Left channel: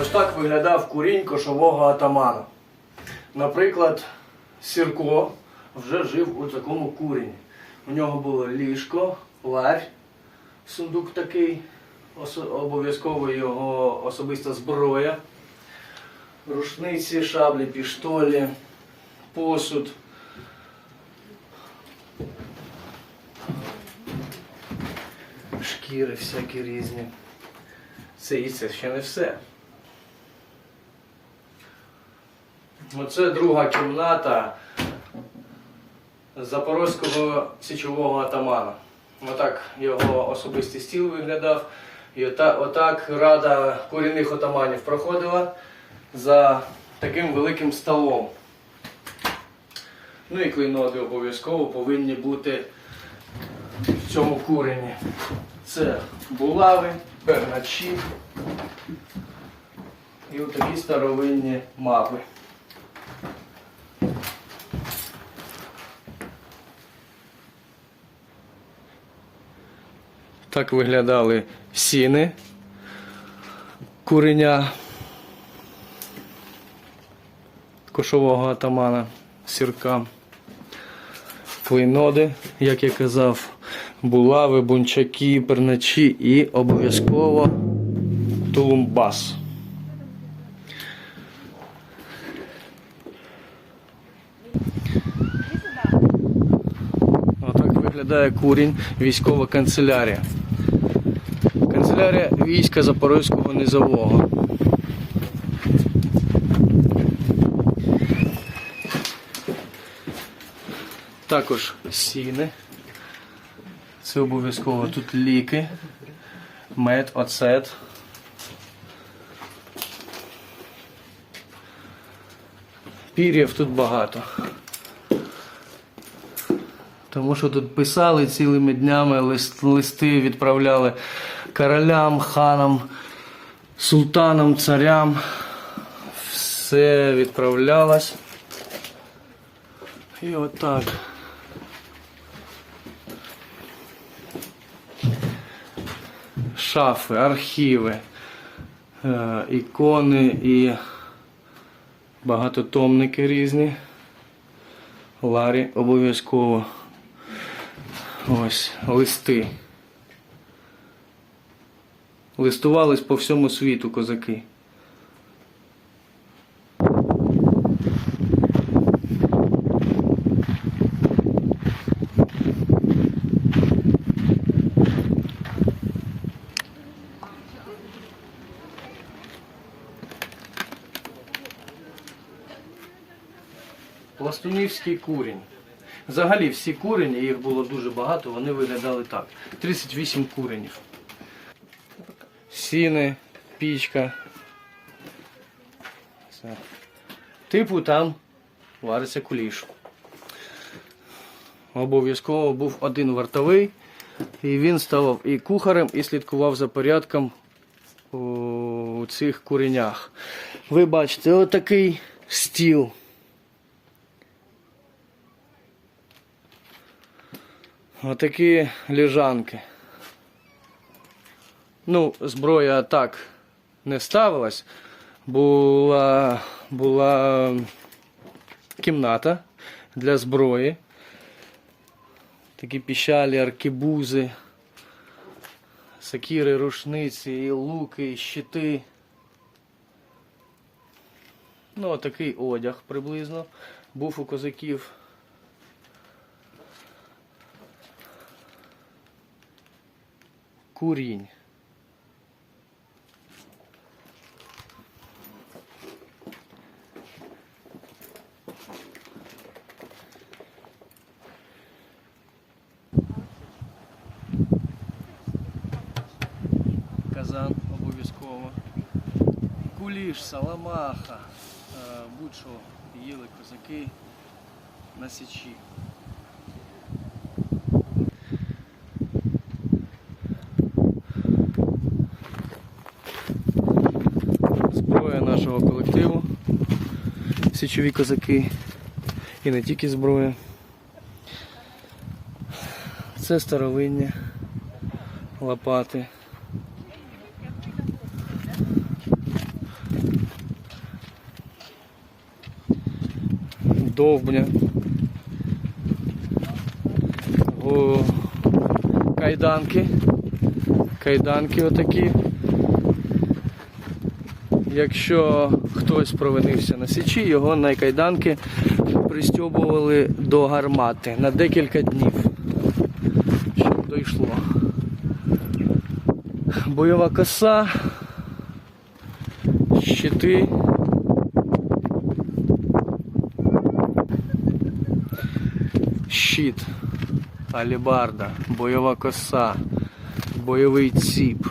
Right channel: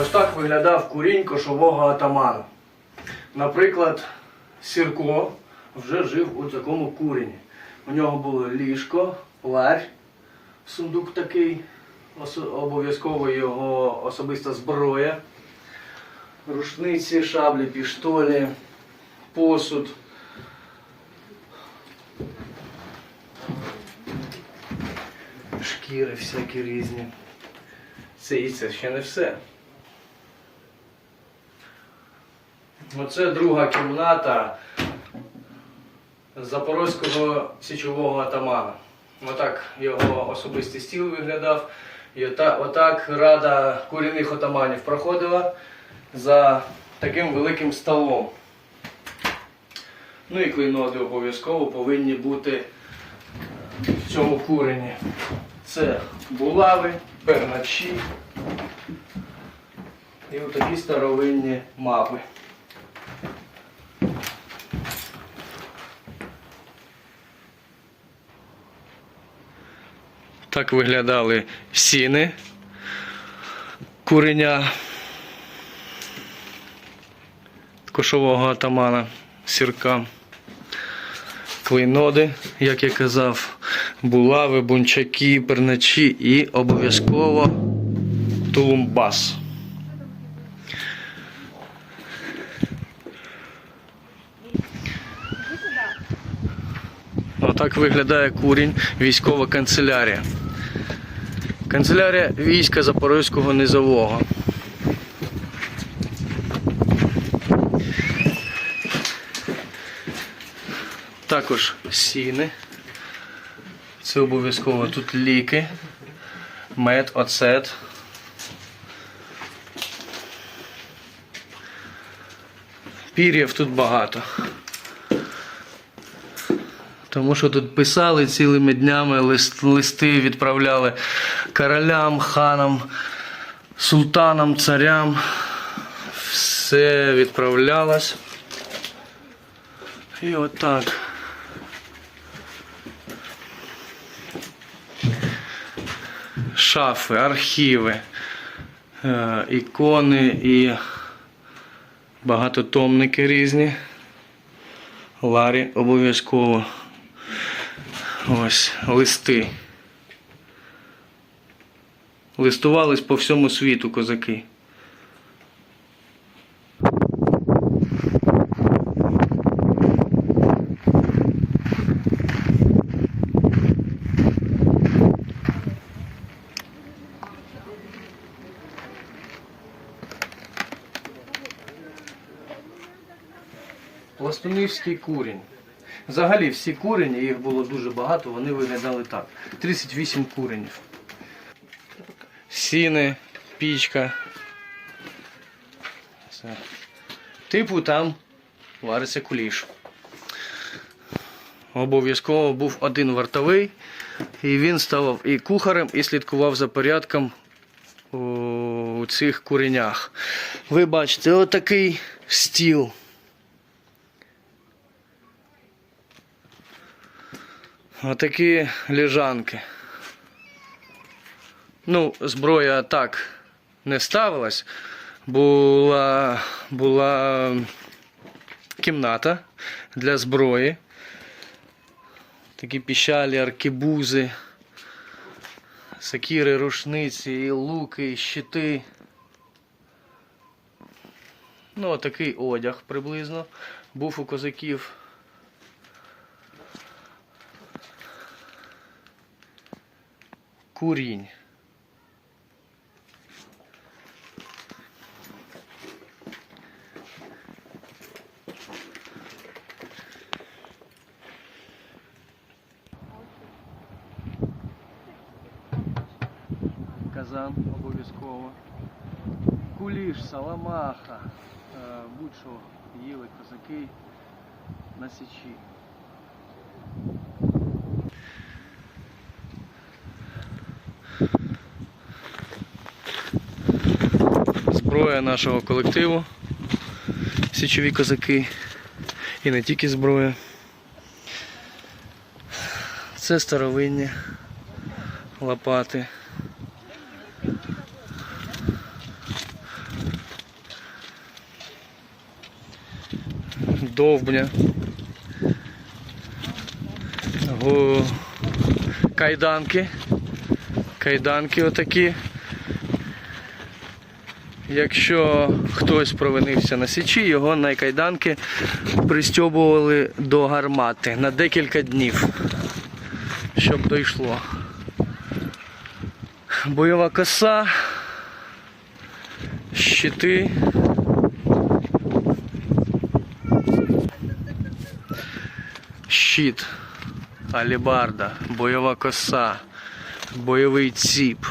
Ось так виглядав курінь кошового атамана. Наприклад, Сірко вже жив у такому курені. У нього було ліжко, ларь, сундук такий, обов'язково його особиста зброя, рушниці, шаблі, піштолі, посуд. Шкіри всякі різні. Це і це ще не все. Оце друга кімната запорозького січового атамана. Отак його особистий стіл виглядав. І отак рада корінних отаманів проходила за таким великим столом. Ну і клейноти обов'язково повинні бути в цьому курені. Це булави, перначі і такі старовинні мапи. Так виглядали сіни куреня кошового атамана сірка. Клейноди, як я казав, булави, бунчаки, перначі і обов'язково тулумбас. Отак виглядає курінь, військова канцелярія. Канцелярія війська Запорозького низового. Також сіни. Це обов'язково тут ліки, мед, оцет. Пір'їв тут багато. Тому що тут писали цілими днями, лист, листи відправляли королям, ханам, султанам, царям. Все відправлялось. І отак. Шафи, архіви, е, ікони і багатотомники різні. Ларі обов'язково. Ось листи. Листувались по всьому світу козаки. Пластунівський курінь. Взагалі всі курені, їх було дуже багато, вони виглядали так. 38 куренів. Сіни, пічка. Все. Типу там вариться куліш. Обов'язково був один вартовий, і він ставав і кухарем, і слідкував за порядком у, цих куренях. Ви бачите, отакий стіл. Отакі лежанки. Ну, зброя так не ставилась. Була, була кімната для зброї. Такі піщалі, аркебузи, сакіри, рушниці, і луки, і щити. Ну, такий одяг приблизно був у козаків. Курінь. Казан обов'язково. Куліш, саламаха, е, будь-що їли козаки на січі. Нашого колективу. Січові козаки. І не тільки зброя. Це старовинні лопати. Довбня. Го... Кайданки. Кайданки отакі. Якщо хтось провинився на січі, його на кайданки пристьобували до гармати на декілька днів, щоб дійшло. Бойова коса, щити. Щит, алібарда, бойова коса, бойовий ціп.